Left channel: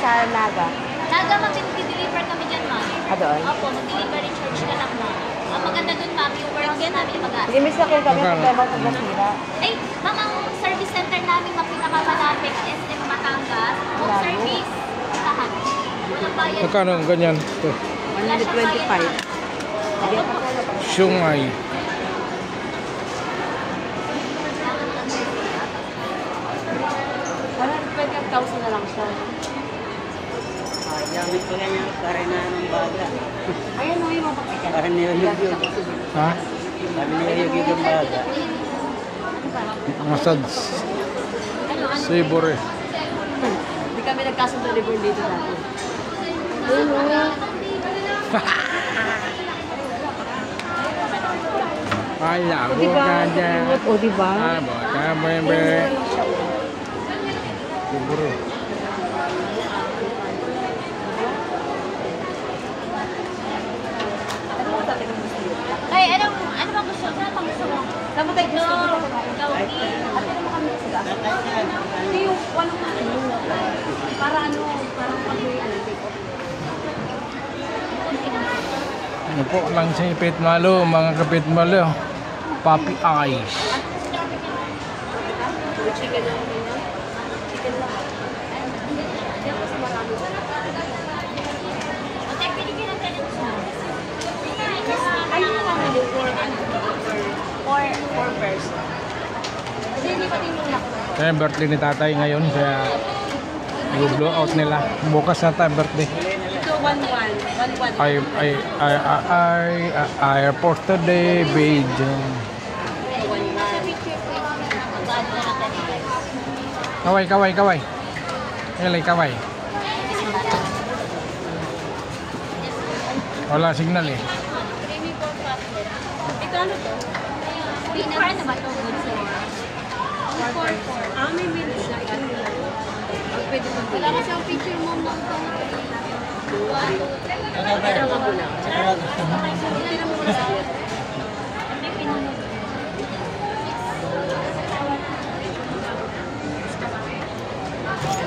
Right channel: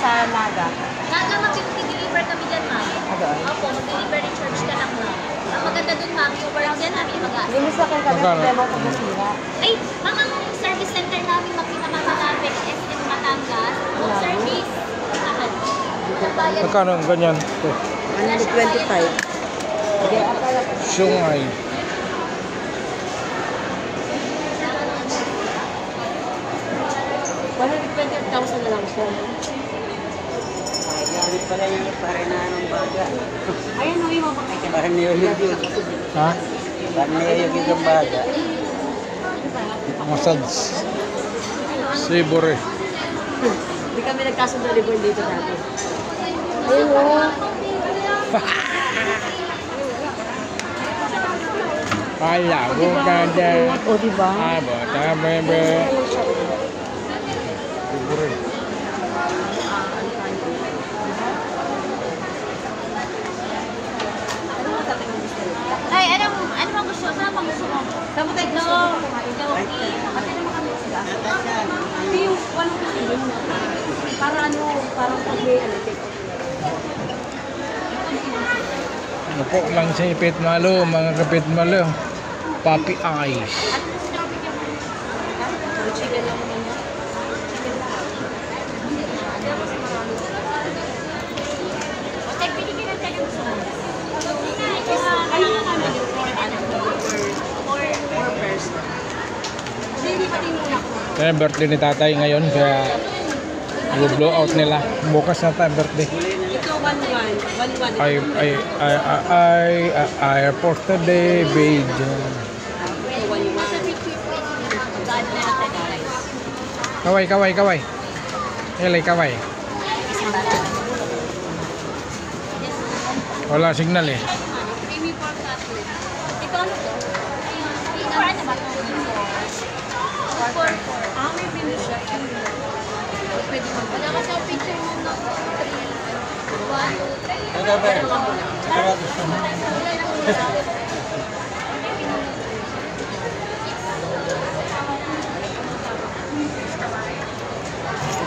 sa Naga. Naga, mag-deliver kami dyan, ma'am. Doon? Opo, mag-delivery charge ka lang, ma'am. Ang maganda dun, ma'am, yung warehouse namin mag-aas. Hindi, miss na kayo kami problema pag nasira. Ay, ma'am, ang service center namin na pinakamalapit, SM Batangas, home service, lahat. Walang bayad. Magkano ang ganyan? 125. Hindi, akala ko. Sungay. $120,000 na lang siya. Gamit pala niya para na anong baga. Ayan, no, yung mga pakailan. Para niyayog yun. Ha? Para niyayog yung baga. Massage. Sibore. Hindi kami nagkasundo libre dito dati. Ayun, no. Kala ko kada. O, diba? Abo, tabe. Sibore. Ay, ano bang gusto? Saan bang gusto mo? Saan mo tayo gusto? Kauki. Ate naman kami sa gas. Hindi yung walang kainin. Para ano, parang pag may take off. Ano po lang sa ipit malo, mga kapit malo. Puppy eyes. Chicken lang din yan. Chicken lang. Ay, yung family for ano? For person. Hindi pa din muna ko. Kaya birthday ni tatay ngayon, kaya i-blow out nila. Bukas na tayo birthday. Ito, 1-1. I post today, babe. Kaway. Ilay, kaway. Wala signal eh. Creamy pork cutlet. Ito ano to? For ano ba? For May menu siya. Pwede mo. wala kasi ang picture mo ng 3.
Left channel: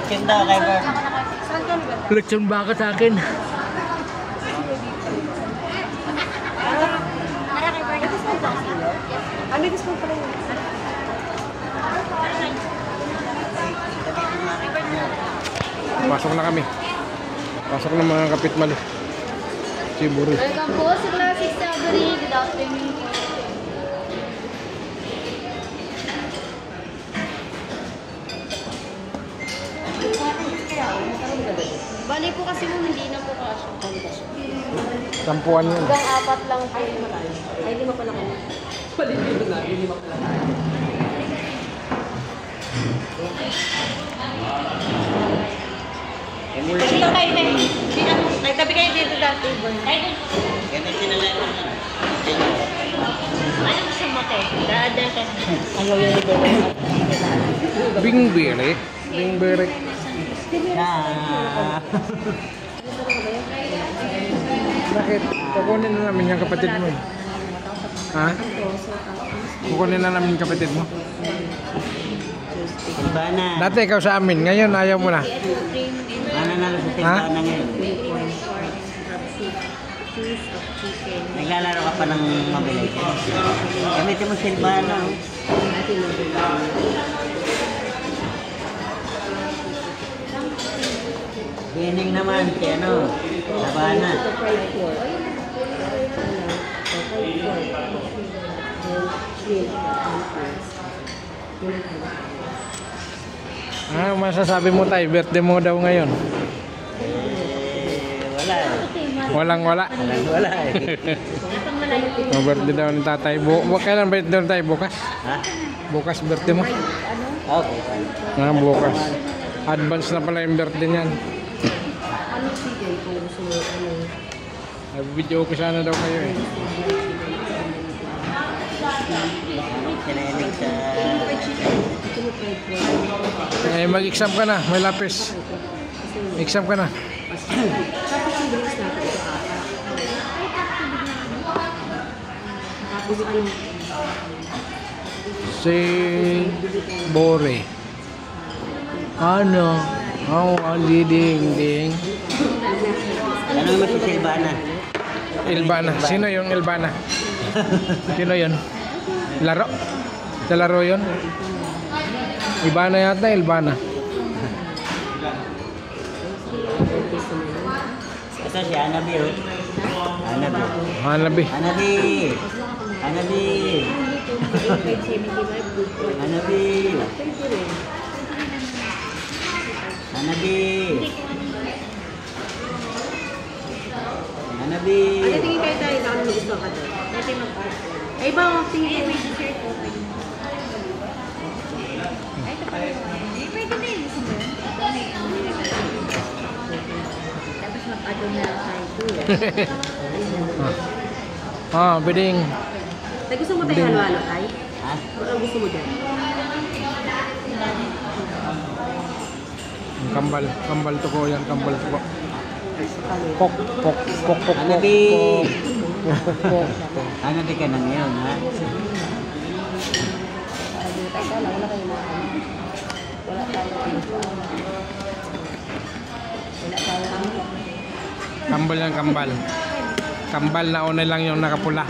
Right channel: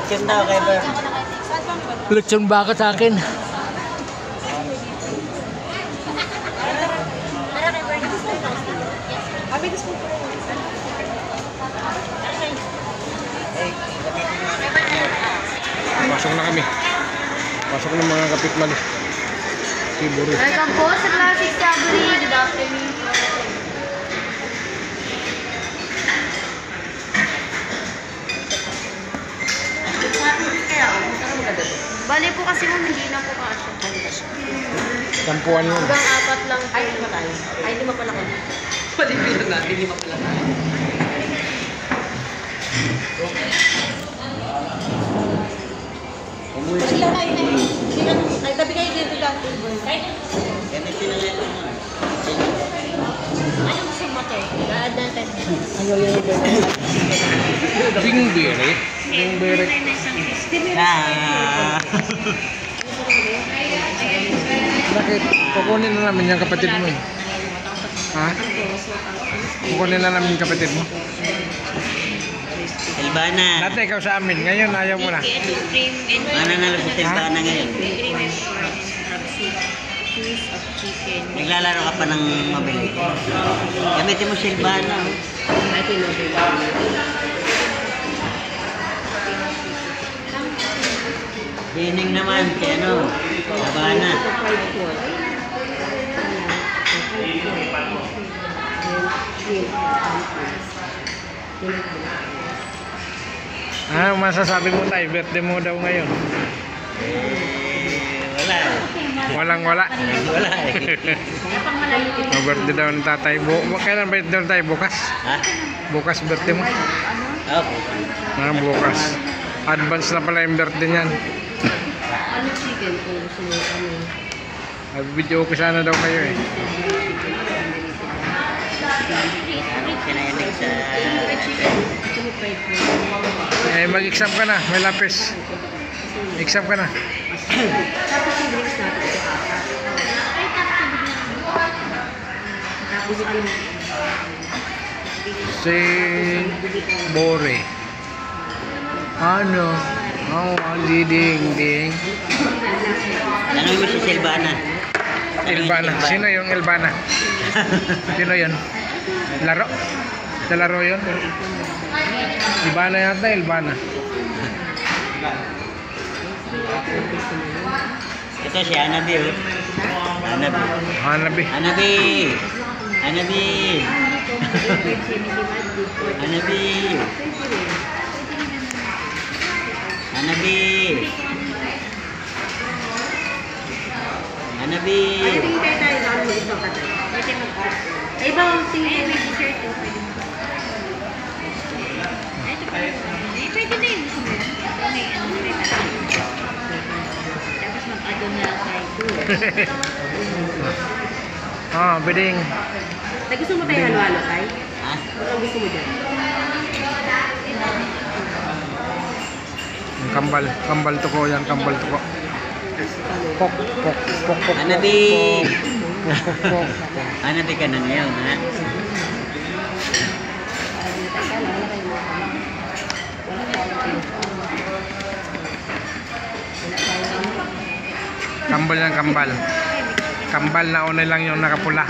Kinda kay Ber. Lechon baka sa akin. May gusto ko rin. Pasok na kami. Pasok na mga kapit malo. Sibore. Welcome po sa Classic Sabri. Good afternoon. Bali po kasi mo hindi na po kasya. Tampuan yun. Hanggang 4 lang. Ay, 5 tayo. Ay, 5 pala kami. Palipin na natin, 5 pala kami. Dito kayo ay, tabi kayo dito dati. Ano gusto mo te? Daadan ka. Ayaw yung iba. Bingbere. Bingbere. Bakit? Kukunin na namin yung kapatid mo eh. Ha? Kukunin na namin yung kapatid mo. Ilbana. Dati ikaw sa amin, ngayon ayaw mo na. Ito cream and Ano na lang butis Ha? ka na ngayon? cream and pork. Piece of chicken. Naglalaro ka pa ng mabili. Gamitin mo silbana. Bining naman kay ano? Sabana. Ah, masasabi mo tayo, birthday mo daw ngayon. Wala. Walang-wala. Wala eh. Birthday daw ng tatay. Kailan birthday ng tayo? Bukas? Ha? Bukas birthday mo? Okay. Bukas. Advance na pala yung birthday niyan. Ano chicken kung gusto mo Nag-video ko sana daw kayo eh. Kinayanig sa... Eh, mag-exam ka na. May lapis. Exam ka na. Tapos yung drinks natin ito 4. Tapos ano? Si Bore. Ano? Oh, ding ding. Ano yung si Silvana? Elvana. Sino yung Elvana? Sino yun? Laro? Sa laro yun? Ibana yata, Elvana. Ito si Anabi, oh. Anabi. Hanabi. Anabi. Anabi. Anabi. Anabi. Anabi. Ano tingin kayo tayo na ano gusto ka tayo? Pwede mag-add. Ay ba, tingin may t-shirt ko. Pwede na yun. Tapos mag-add on na lang tayo. Ah, beding. Ay, gusto mo tayo halo-halo tayo? Ha? Ano gusto mo dyan? Kambal. Kambal to ko yan. Kambal to ko. Pok, pok, pok, pok, Anabi. pok, pok, pok. Anabi ka na ngayon, ha? Kambal yan, kambal. Kambal, nauna lang yung nakapula.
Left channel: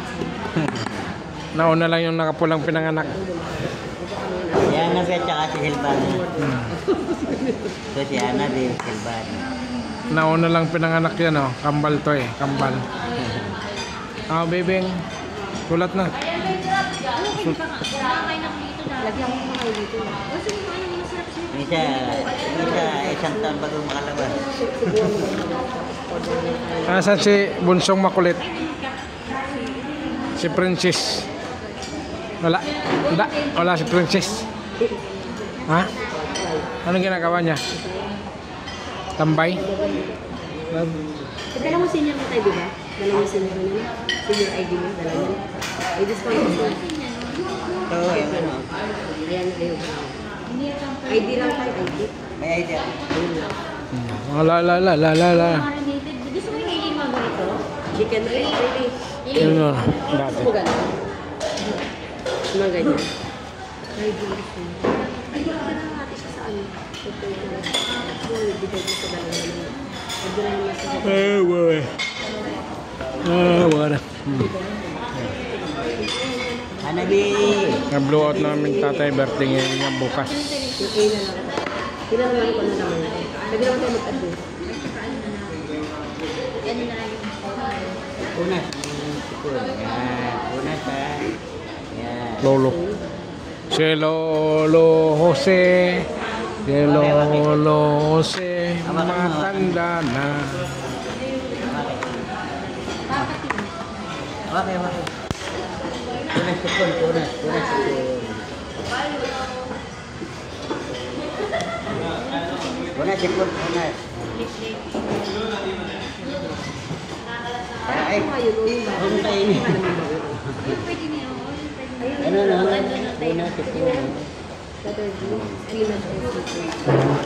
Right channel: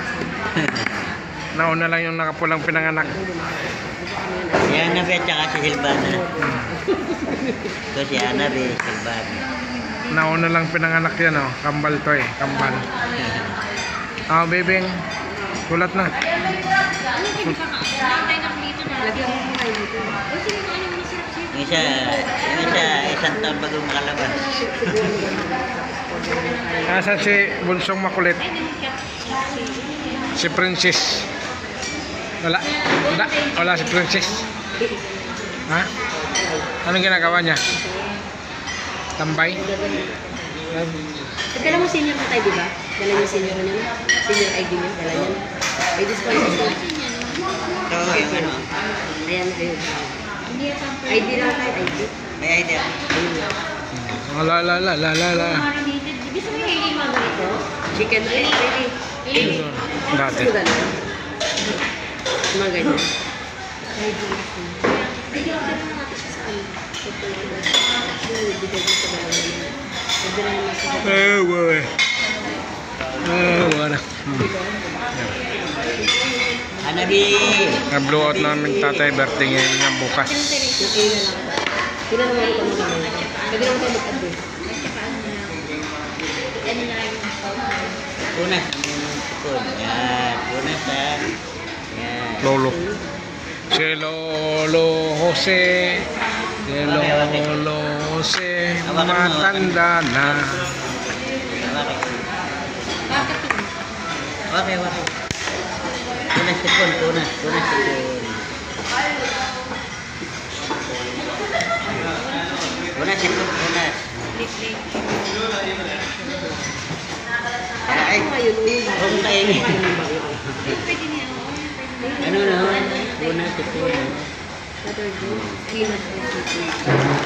Nauna lang yung nakapulang pinanganak. Si Anabi at saka si Silvana. Ito si Anabi, Silvana. Nauna lang pinanganak yan, oh. Kambal to eh, kambal. Ah, bebeng. Sulat na. Lagyan mo kayo dito. Yung isang taon bago makalabas. Asan si Bunsong Makulit? Si Princess. Wala. Wala. Wala si Princess. Ha? Anong ginagawa niya? Tambay? Dala mo senior mo tayo, di ba? Dala niyo senior niyo. Senior ID niyo, dala niyo. Ay, discount niyo. Ito yung ano? Ayan, kayo. ID lang tayo, ID. May idea. Ayun lang. La la la la la la. Gusto mo yung mga ganito? Chicken red, ready. Ano? Dati. Gusto mo gano'n? Mga ganyan. ID. ID lang natin siya sa ano. Ito yung bigay mo sa dalawa naman. ID lang naman sa Wala. Wala. Anabi! Na-blow out namin tatay birthday ngayon niya bukas. okay na lang. Sila naman ito mo naman. Pwede naman ito mag-add. Punas. Sipon. Yan. Punas, ha? Yan. Lolo. Si Lolo Jose. Si Lolo Jose. Matanda na. Okay, okay. Punas sipon, punas. Punas sipon. Punas sipon, punas. Ay, kung kayo. Ano na? Punas sipon. Letter G. Peanut and chicken.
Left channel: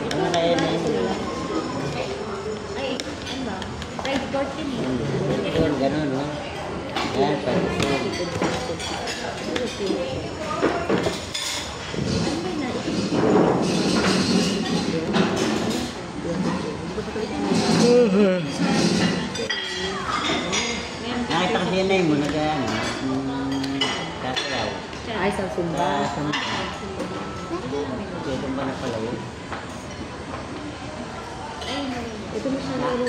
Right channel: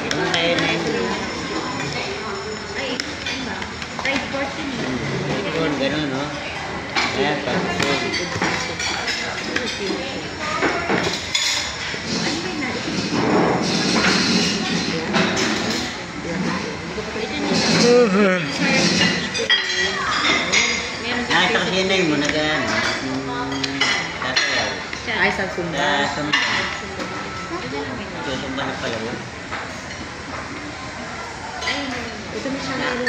Kung kayo na yun. Fried pork yun. Sipon, gano'n, no? Yan, sipon. Nakita kasi yun na yun, nag-ano. Sasayaw. Ay, sa Sumba. Susumba na pala yun. Ito na Shanghai mo.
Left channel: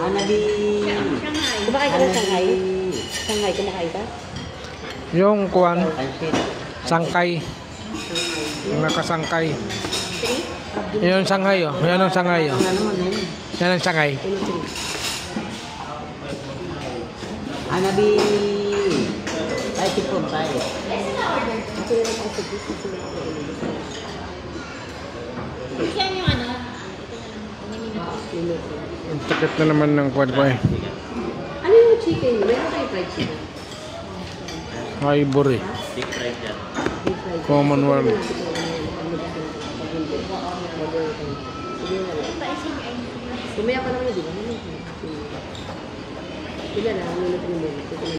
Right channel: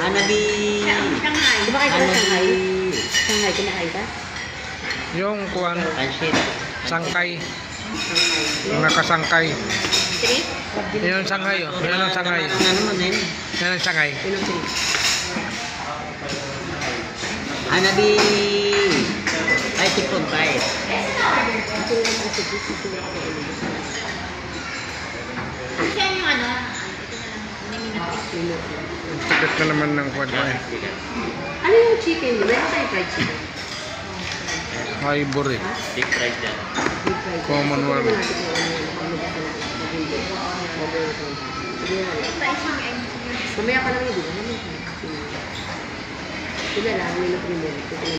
Hanabi! Shanghai. Kumakain ka ng Shanghai? Shanghai, kumakain ka? Yung kuwan, Pansit. sangkay. Shanghai. Yung nakasangkay. Yan ang Shanghai, oh. Yan ang Shanghai, oh. Ano mo, Nen? Yan ang Shanghai. Yun ang three. Hanabi! Ay, sipon, tayo. Ito na lang kasi gusto ko lang ako ilulus. Kasi yung ano, Minute. Ang tikit na naman ng kwan ko eh. Ano yung chicken niyo? Meron tayong fried chicken? Ivory. Deep fried yan. Deep fried. Commonwealth. Sige na lang. Mamaya pa lang yun, di ba? Sila lang, minute.